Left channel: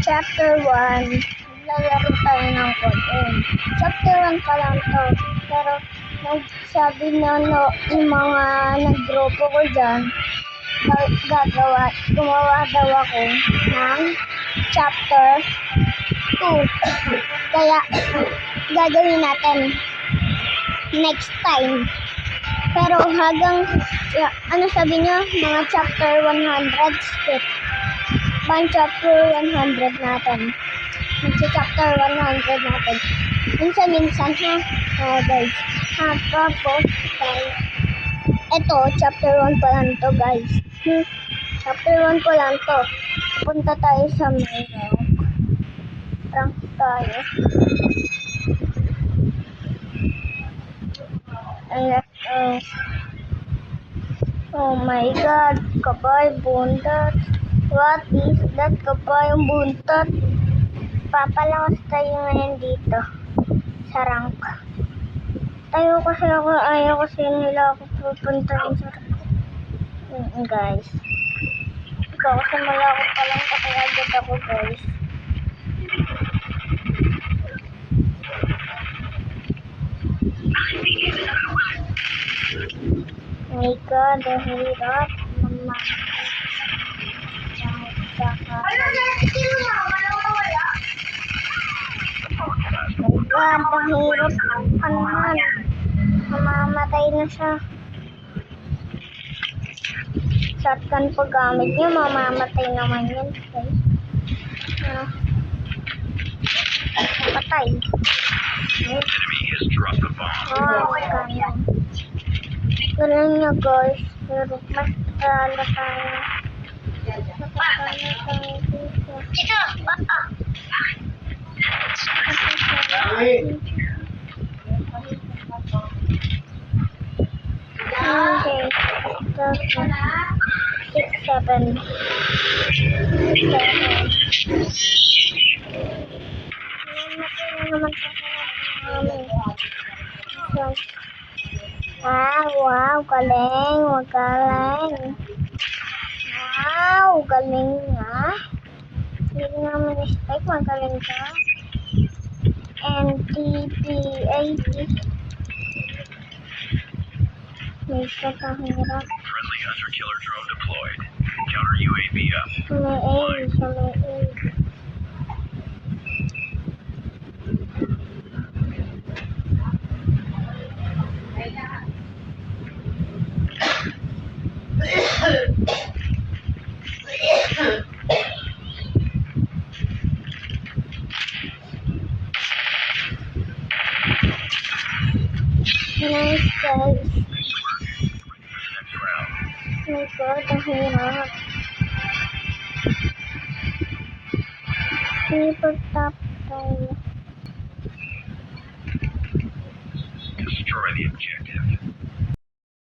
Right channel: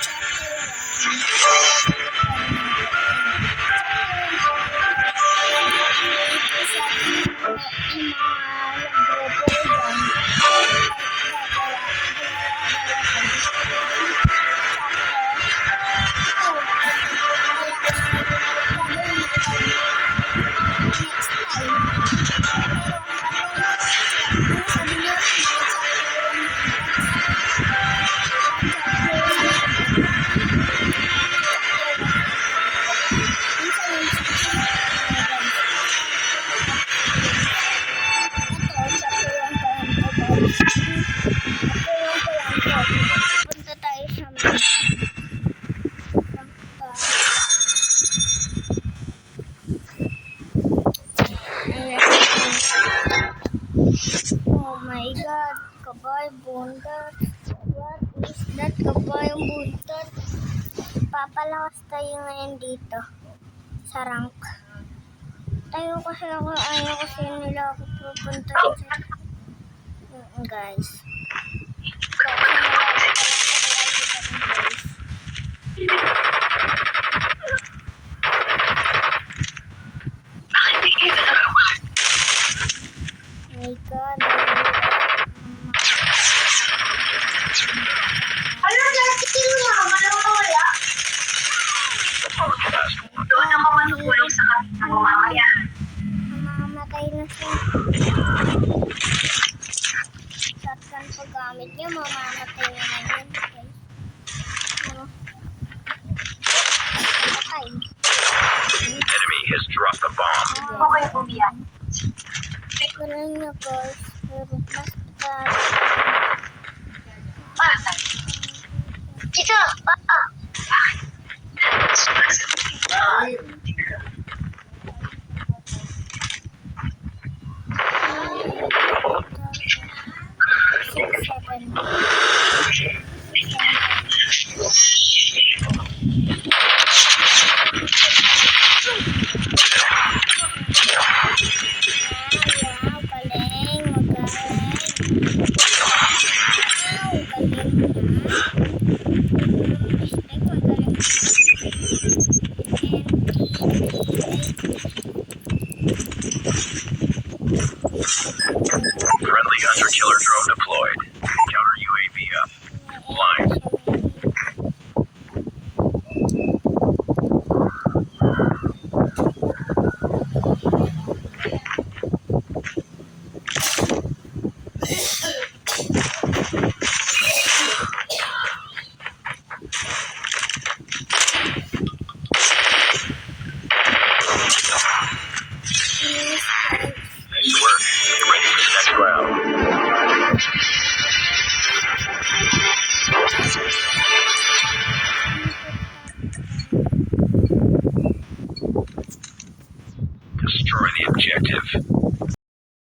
Chapter 1, lalaro tayo ng konti. Chapter 1 pa lang to. Pero sabi na no, yung mga nag-grupo ko dyan, gumawa daw ako ng chapter 2. Kaya gagawin natin next time. Pero hanggang, ano sabi nyo, mga chapter 100 skip. Pang chapter 100 natin. Chapter 100 natin. Minsan ha, guys. Tapos, guys. Ito, chapter 1 pa lang to, guys. Chapter 1 pa lang to. Punta tayo sa mga prank tayo. Ayan, oh my God, kabay, buntot. What is that, kabay, buntot? Papalakas tayo ngayon dito sa rank. Tayo kasi ako, ayaw kasi nila ako pupuntahin sa guys. Ikaw kasi nila ako palang pakalagot ako, guys. Oh my God, ang hirap. Mama. Mamamatay na siya. Shotgun po gamit niya, mamamatay naman yun. Okay. Patay. Enemy has dropped the bomb. Ganun niya, guys. Pero mas tala okay. 6, 7. Wow, galing. Magaling. Wow, galing nga. Hindi namin respect. Magaling ka. NTT-80. Friendly hunter killer drone deployed. Counter UAV up. Nice, guys. Nice work. Get ready for the next round. Destroy the objective.